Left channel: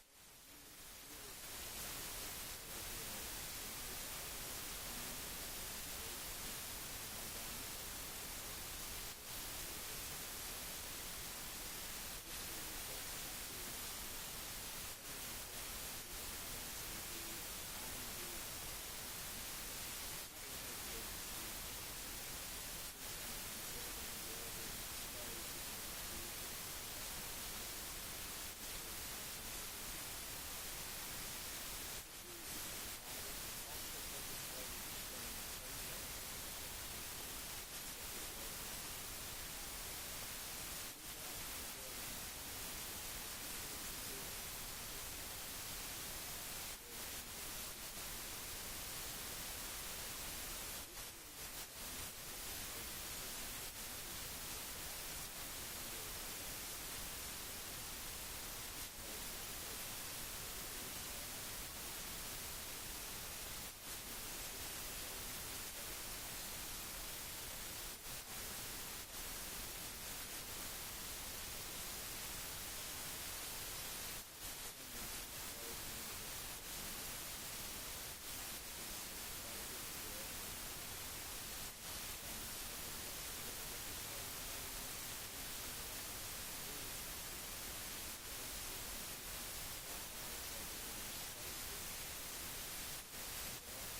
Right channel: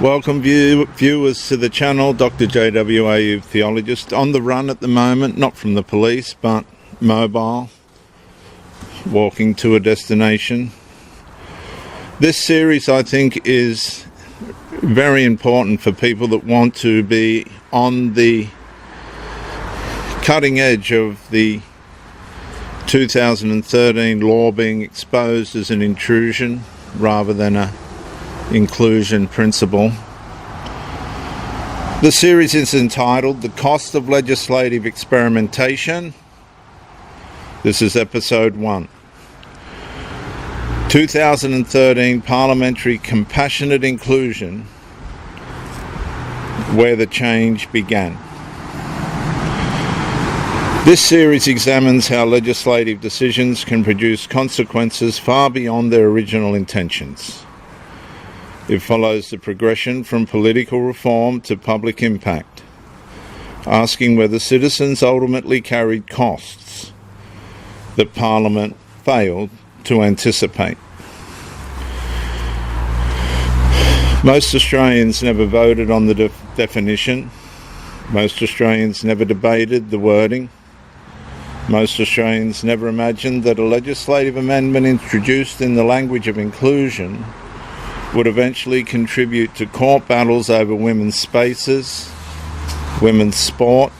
Welcome viewers to the channel. Dr. JWAU Theologist on the run at the moment, not from the police but mobile, walking to a destination. This series I think is very important for people that want to be on the cutting edge of the 2013 law being exposed as an intrusion rather than a inclusion principle. The series is entitled The Cost of Legislative Experimentation. This is episode 1. 2013 Parliamentary Compassionate Inclusion, where the change began. This series examines how legislative decisions can produce consequences far beyond their original intentions. It follows the progression from political reform to public impact, asking whether citizens ultimately carried costs that Parliament failed to anticipate. Most Australians never voted on the definition. Most Australians never debated the wording. Most Australians never imagined that a legislative amendment introduced in the language of inclusion would eventually contribute to court battles over women's spaces, women's sport,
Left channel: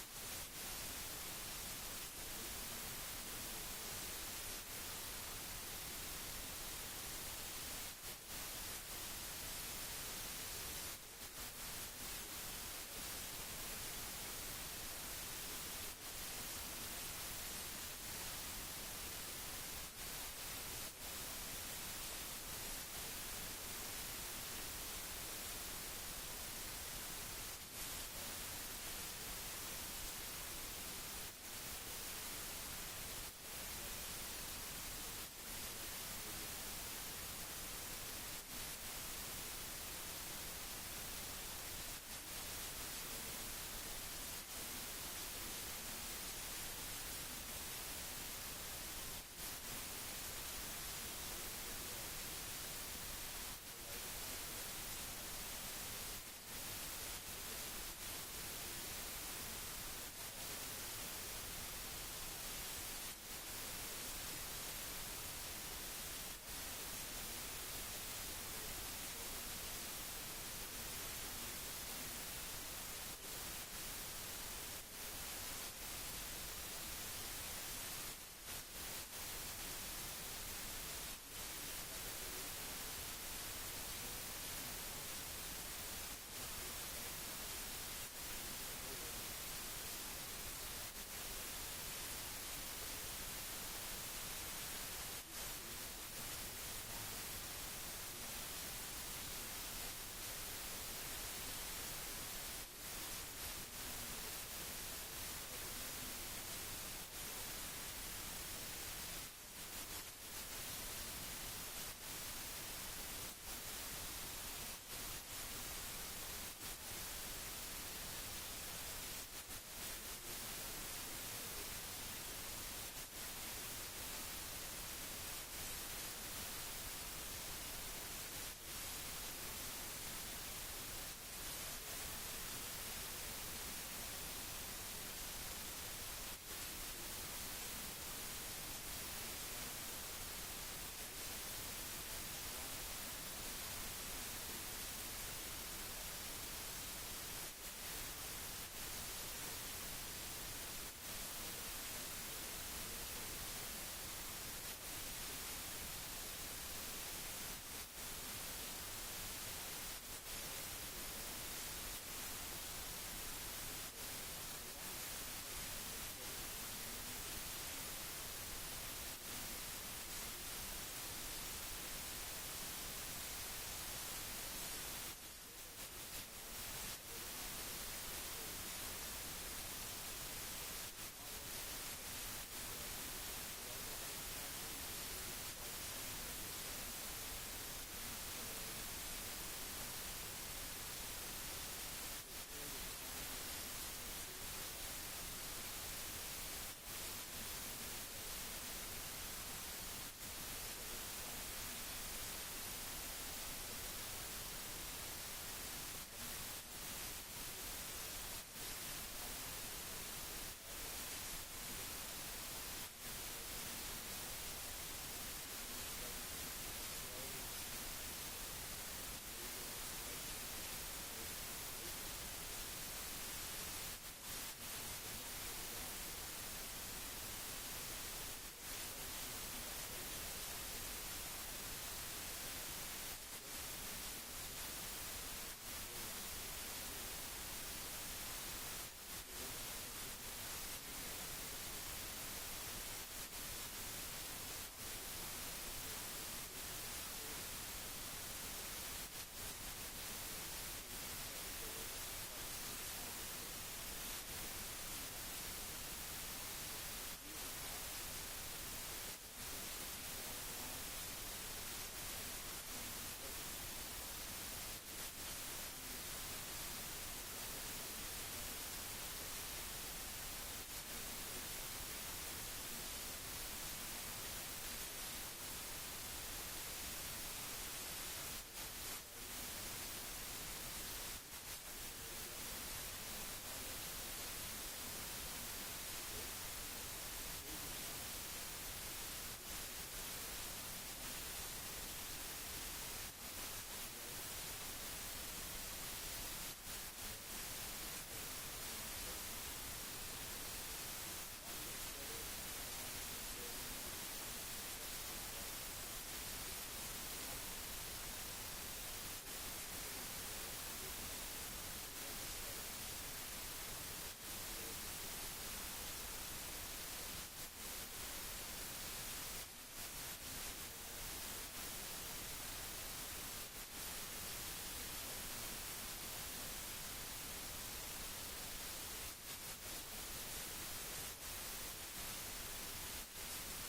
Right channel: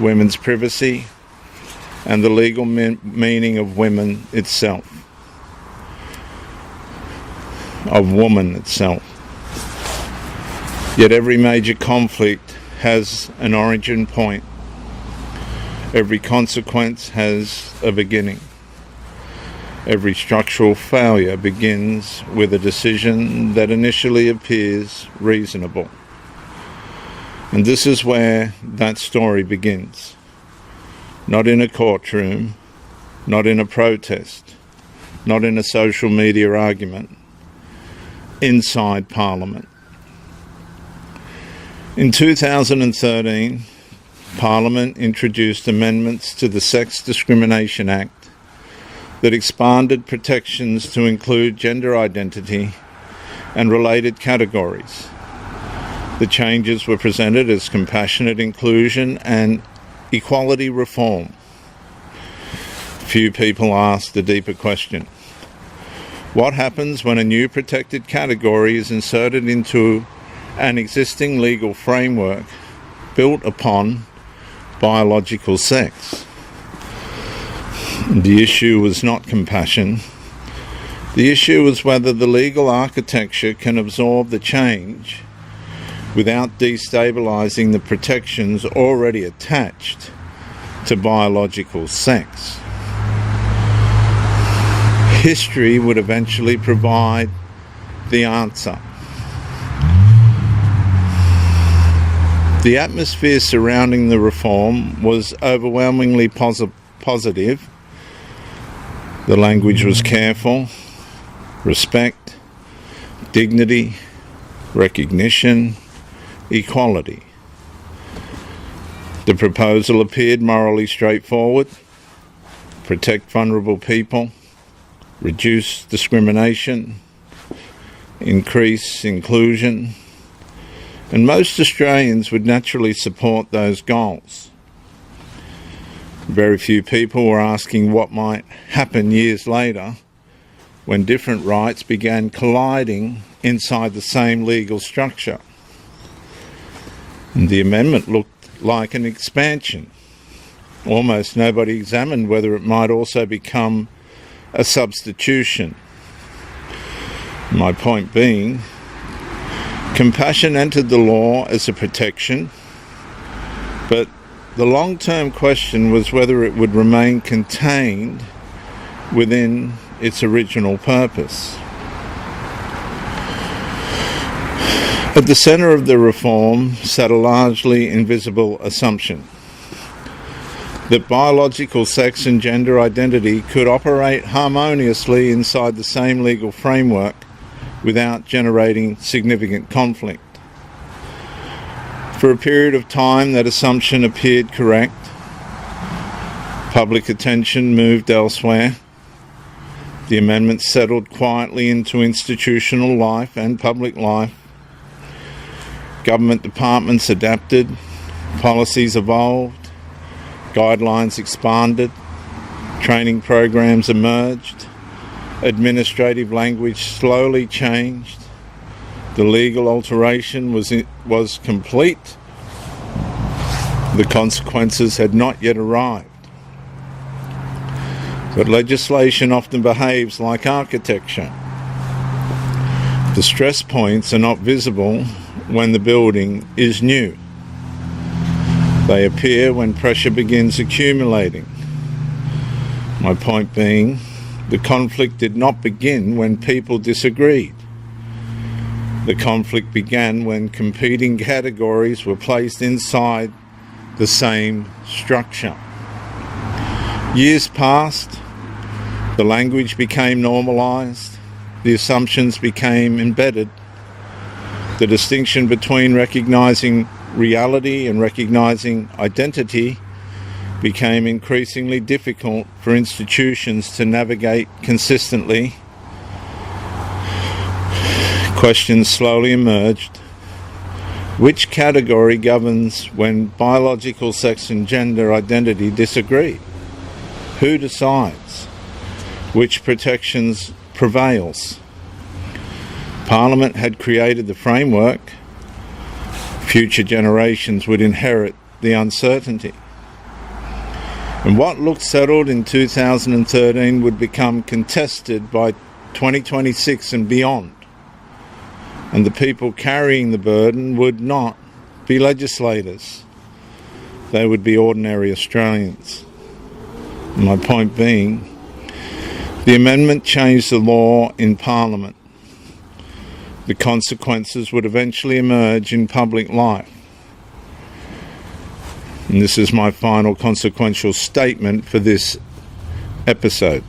women's privacy, and the legal meaning of women itself, of woman itself. Yet every major conflict has an origin point. Every consequence has a beginning. Every structural failure begins with a decision that initially appears reasonable. And this is where that story begins. Not in a courtroom, not in a protest, not in a social media argument, inside Parliament. In 2013, Parliament introduced amendments to the Sex Discrimination Act that expanded protections to include gender identity and related categories. The changes were presented as compassionate inclusion and equality reform. Few people asked the deeper question: what happens when a new protected category is inserted into an existing legal framework built upon biological sex? The issue was not compassion. The issue was whether the legal architecture can absorb the change without destabilizing the protections already attached to biological sex. History would eventually provide the answer. The atmosphere surrounding the reform was overwhelmingly positive. The language was careful: respect, dignity, recognition, equality. The proposal appeared morally straightforward: protect vulnerable people, reduce discrimination, increase inclusion, and most Australians would naturally support those goals. Very few people were asking what might happen years later when different rights began colliding inside the same legal structure. And the amendment looked like an expansion. Almost nobody examined whether it might also become a substitution. My point being, compassion entered the law as a protection, but the long-term question was whether it would remain contained within its original purpose. At the centre of the reform sat a largely invisible assumption: that biological sex and gender identity could operate harmoniously inside the same legal framework without generating significant conflict. For a period of time, that assumption appeared correct. Public attention moved elsewhere. The amendment settled quietly into institutional life and public life. Government departments adapted, policies evolved, guidelines expanded, training programs emerged, administrative language slowly changed, the legal alteration was complete, the consequences had not yet arrived. But legislation often behaves like architecture. The stress points are not visible when the building is new. They appear when pressure begins accumulating. My point being, the conflict did not begin when people disagreed. The conflict began when competing categories were placed inside the same structure. Years passed, the language became normalised, the assumptions became embedded. The distinction between recognising reality and recognising identity became increasingly difficult for institutions to navigate consistently. Questions slowly emerged. Which category governs when biological sex and gender identity disagree? Who decides? Which protections prevails? Parliament had created the framework. Future generations would inherit the uncertainty. And what looked settled in 2013 would become contested by 2026 and beyond. And the people carrying the burden would not be legislators. They would be ordinary Australians. My point being, the amendment changed the law in Parliament. The consequences would eventually emerge in public life. And this is my final consequential statement for this episode.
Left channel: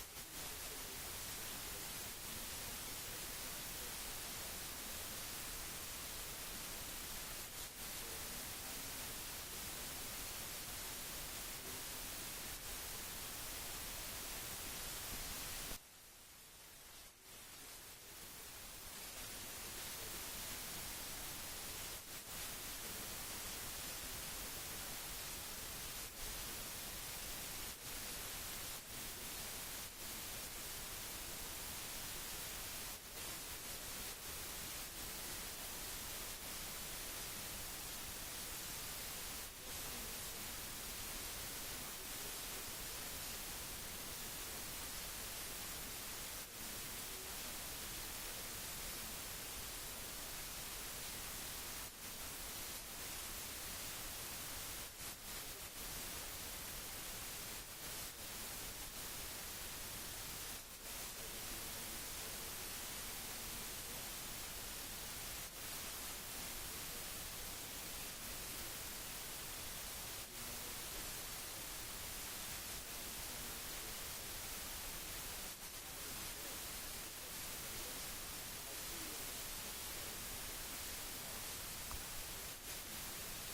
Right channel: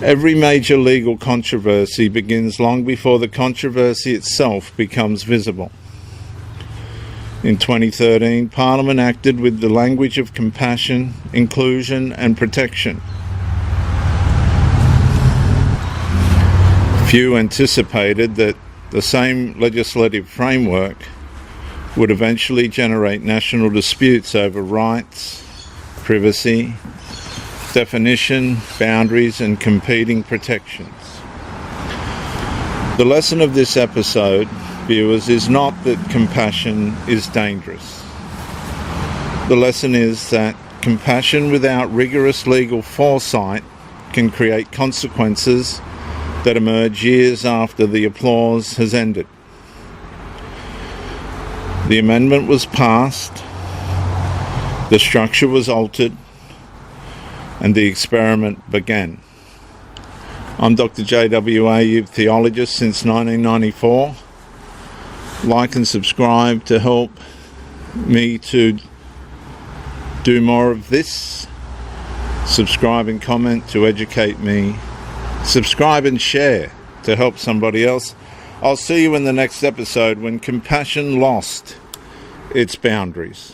Every major legal controversy begins long before the controversy itself becomes visible. In 2013, Parliament acted with the language of compassion, inclusion and protection. Few anticipated that the same legislative framework would eventually generate national disputes over rights, privacy, definition, boundaries and competing protections. The lesson of this episode, viewers, is not that compassion is dangerous. The lesson is that compassion without rigorous legal foresight can create consequences that emerge years after the applause has ended. The amendment was passed, the structure was altered, and the experiment began. I'm Dr. JWA, youth theologist since 1994. Like and subscribe to help me to do more of this. Subscribe and comment to educate me. Subscribe and share to help somebody else. I'll see you in the next episode when compassion lost its boundaries.